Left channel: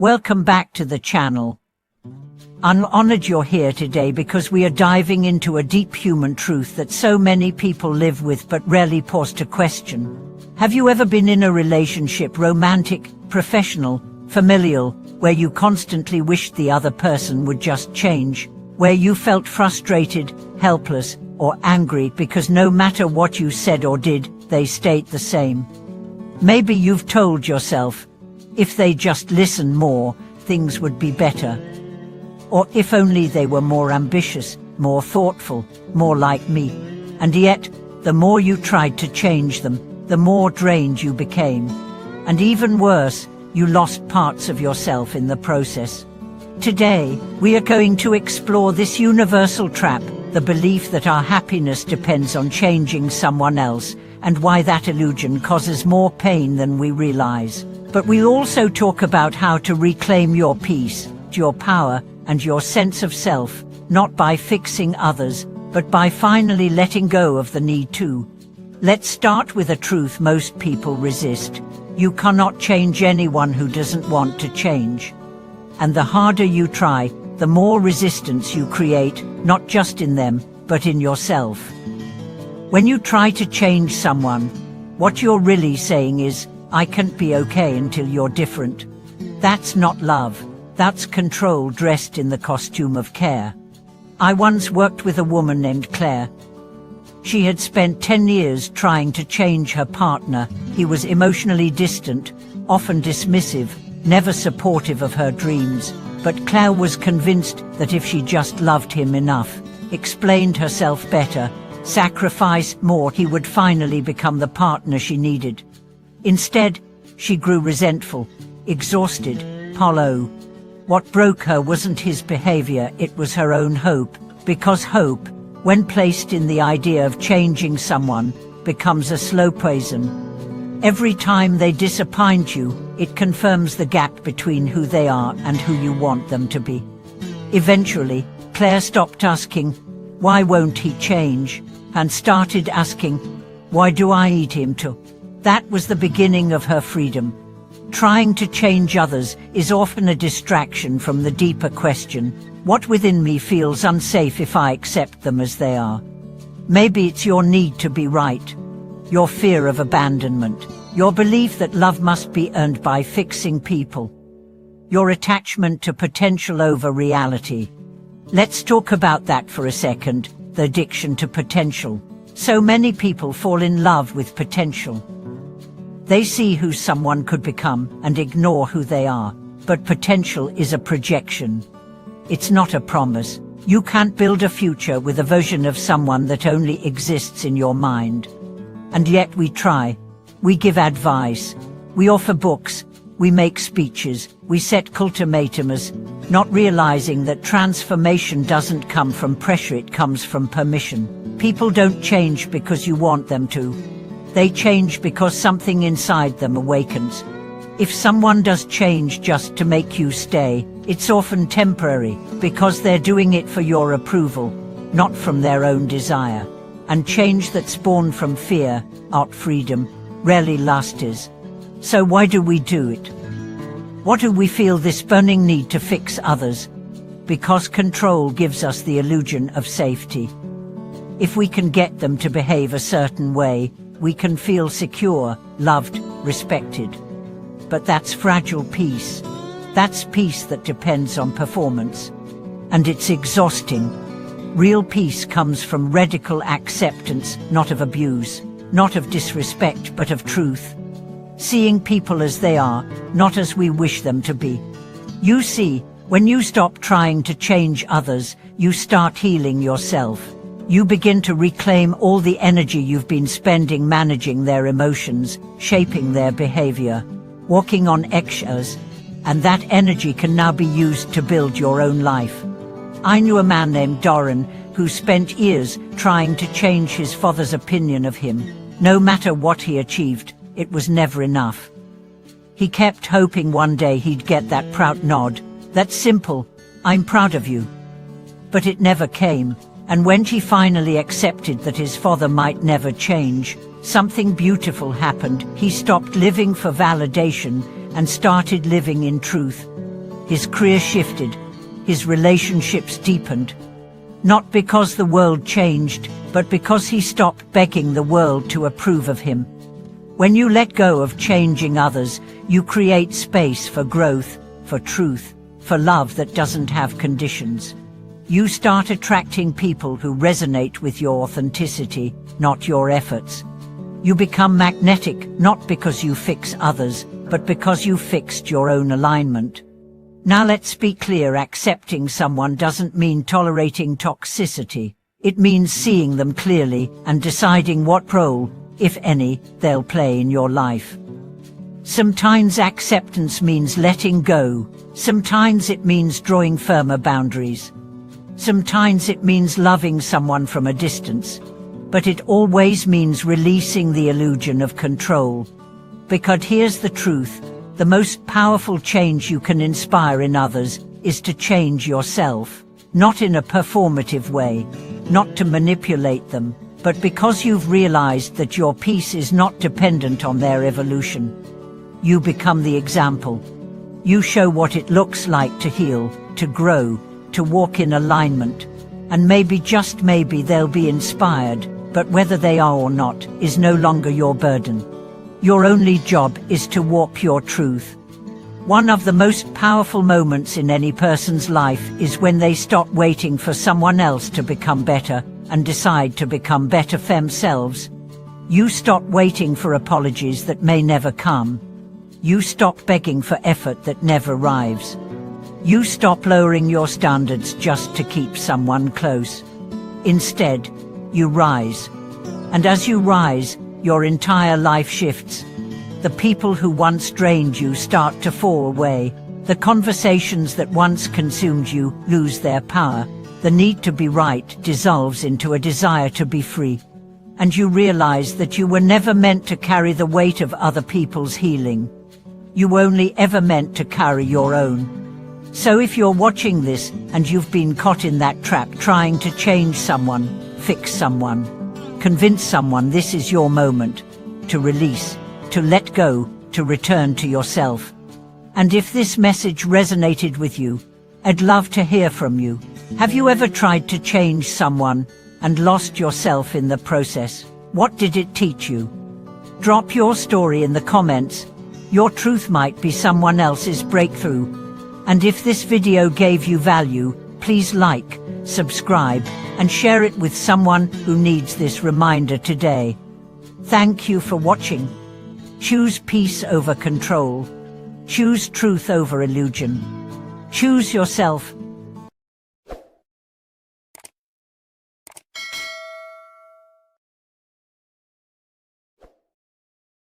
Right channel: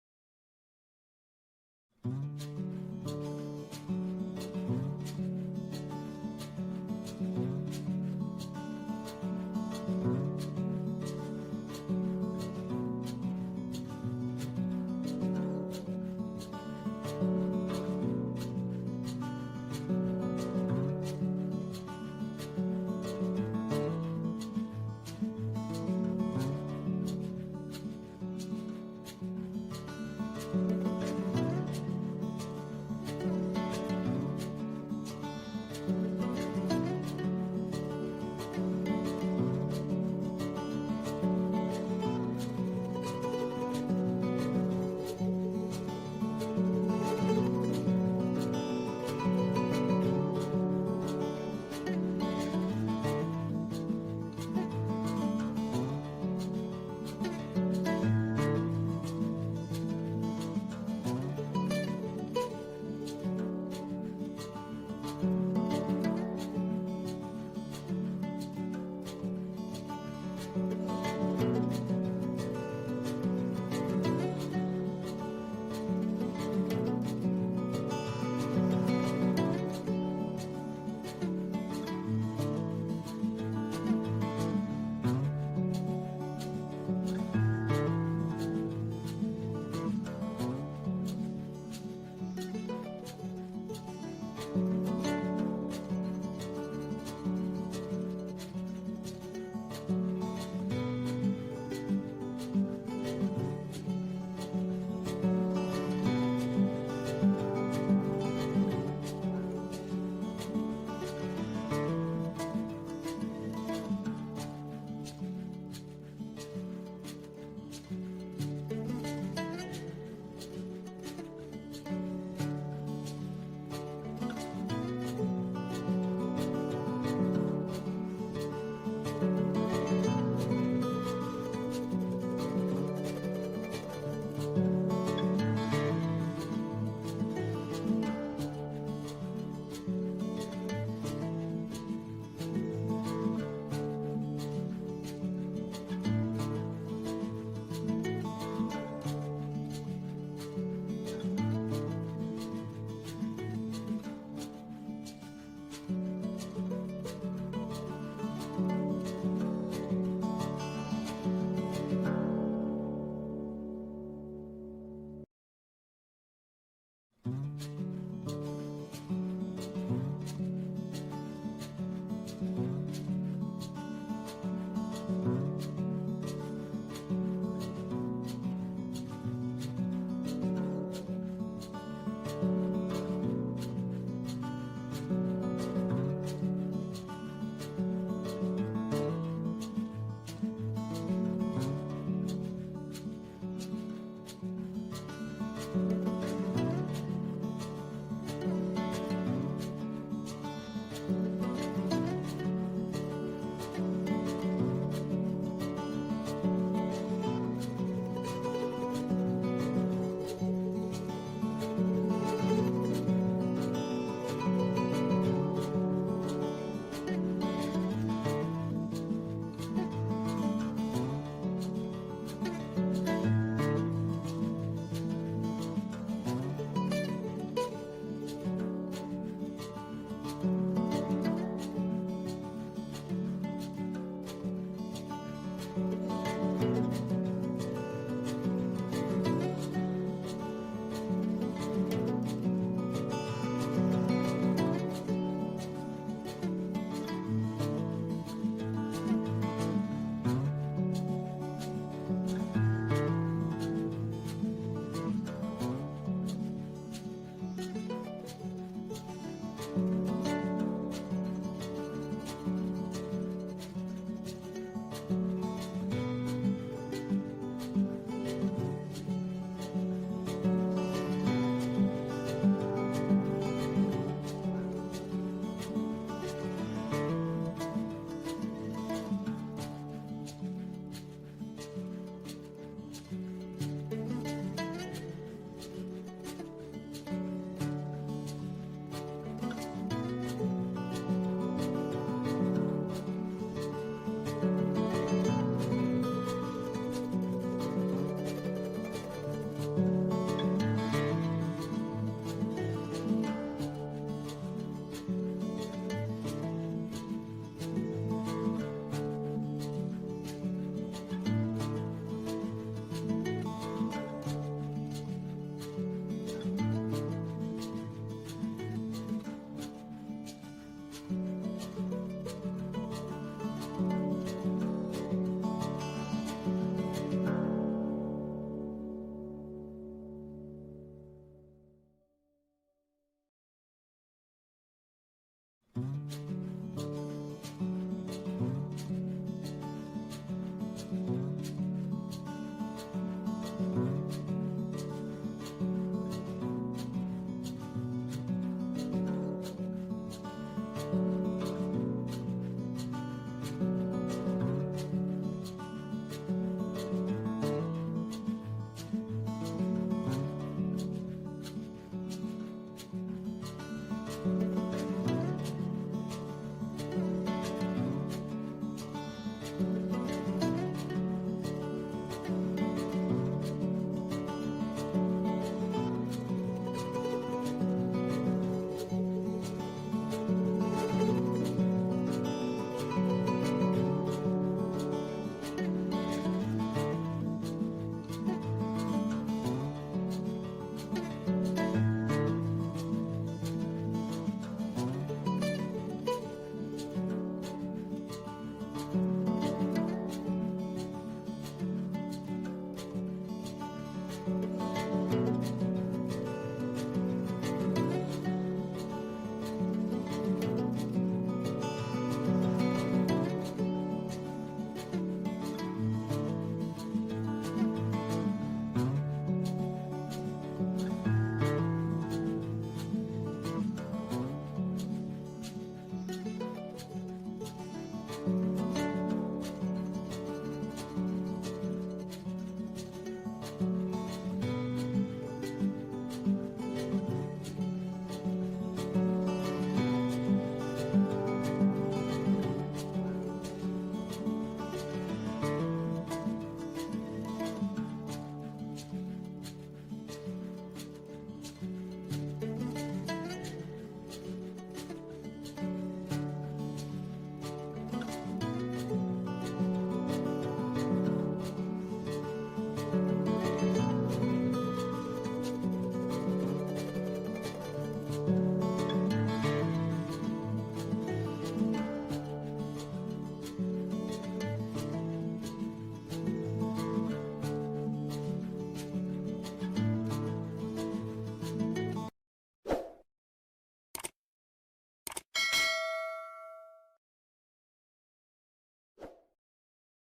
Welcome back to the channel. I'm honored you're here today because we are diving into a deep human truth that so many people live with but rarely pause to question. Have you ever been in a relationship, romantic, professional, familial, where you constantly wished the other person would just change? Where you felt frustrated, helpless, or angry because no matter what you said or did, they stayed the same? Maybe you've told yourself, if they just listened more, things would be better. Or if only they were more ambitious, more thoughtful, more like me. And yet, the more you tried to change them, the more drained you became. And even worse, you lost parts of yourself in the process. Today, we are going to explore this universal trap, the belief that our happiness depends on changing someone else, and why that illusion causes more pain than we realize. But we'll also talk about how to reclaim your peace, your power, and your sense of self, not by fixing others, but by finally letting go of the need to. Let's start with a truth most people resist. You cannot change anyone who doesn't want to change. And the harder you try, the more resistance you create, not just in them, but in yourself. When you try to change someone, what you're really saying is, I can't be okay until you're different. That's not love. That's control dressed in the costume of care. I once worked with a woman named Claire. She had spent 10 years trying to change her partner. He was emotionally distant, often dismissive, never supportive of her dreams. But Claire was convinced that if she just loved him enough, explained herself better, sacrificed more, he would finally become the partner she needed. Instead, she grew resentful, exhausted, hollow. What broke her wasn't his behavior, it was her own hope. Because hope, when placed in the idea of changing someone, becomes a slow poison. Every time they disappoint you, it confirms the gap between who they are and who you want them to be. Eventually, Claire stopped asking, why won't he change? And started asking, why do I need him to? That was the beginning of her freedom. Trying to change others is often a distraction from the deeper question, what within me feels unsafe if I accept them as they are? Maybe it's your need to be right, your fear of abandonment, your belief that love must be earned by fixing people, your attachment to potential over reality. Let's talk about that for a second, the addiction to potential. So many people fall in love with potential. They see who someone could become and ignore who they are. But potential is a projection. It's not a promise. You can't build a future with a version of someone that only exists in your mind. And yet we try. We give advice. We offer books. We make speeches. We set ultimatums, not realizing that transformation doesn't come from pressure, it comes from permission. People don't change because you want them to. They change because something inside them awakens. If someone does change just to make you stay, it's often temporary, because they're doing it for your approval, not from their own desire. And change that's born from fear, not freedom, rarely lasts. So why do we do it? What do we feel this burning need to fix others? Because control gives us the illusion of safety. If we can get them to behave a certain way, we can feel secure, loved, respected. But that's fragile peace. That's peace that depends on performance. And it's exhausting. Real peace comes from radical acceptance, not of abuse, not of disrespect, but of truth. Seeing people as they are, not as we wish them to be. You see, when you stop trying to change others, you start healing yourself. You begin to reclaim all the energy you've been spending managing their emotions, shaping their behavior, walking on eggshells, and that energy can now be used to build your own life. I knew a man named Doran who spent years trying to change his father's opinion of him. No matter what he achieved, it was never enough. He kept hoping one day he'd get that proud nod, that simple, "I'm proud of you." But it never came. And when he finally accepted that his father might never change, something beautiful happened. He stopped living for validation and started living in truth. His career shifted, his relationships deepened. Not because the world changed, but because he stopped begging the world to approve of him. When you let go of changing others, you create space for growth, for truth, for love that doesn't have conditions. You start attracting people who resonate with your authenticity, not your efforts. You become magnetic, not because you fix others, but because you fixed your own alignment. Now let's be clear, accepting someone doesn't mean tolerating toxicity. It means seeing them clearly and deciding what role, if any, they'll play in your life. Sometimes acceptance means letting go. Sometimes it means drawing firmer boundaries. Sometimes it means loving someone from a distance. But it always means releasing the illusion of control. Because here's the truth, the most powerful change you can inspire in others is to change yourself. Not in a performative way, not to manipulate them, but because you've realized that your peace is not dependent on their evolution. You become the example. You show what it looks like to heal, to grow, to walk in alignment. And maybe, just maybe, they'll be inspired, but whether they are or not is no longer your burden. Your only job is to walk your truth. One of the most powerful moments in any person's life is when they stop waiting for someone else to become better and decide to become better themselves. You stop waiting for apologies that may never come. You stop begging for effort that never arrives. You stop lowering your standards just to keep someone close. Instead, you rise. And as you rise, your entire life shifts. The people who once drained you start to fall away. The conversations that once consumed you lose their power. The need to be right dissolves into a desire to be free. And you realize that you were never meant to carry the weight of other people's healing. You were only ever meant to carry your own. So if you're watching this and you've been caught in that trap trying to change someone, fix someone, convince someone, this is your moment to release, to let go, to return to yourself. And if this message resonated with you, I'd love to hear from you. Have you ever tried to change someone and lost yourself in the process? What did it teach you? Drop your story in the comments. Your truth might be someone else's breakthrough. And if this video gave you value, please like, subscribe, and share it with someone who needs this reminder today. Thank you for watching. Choose peace over control. Choose truth over illusion. Choose yourself.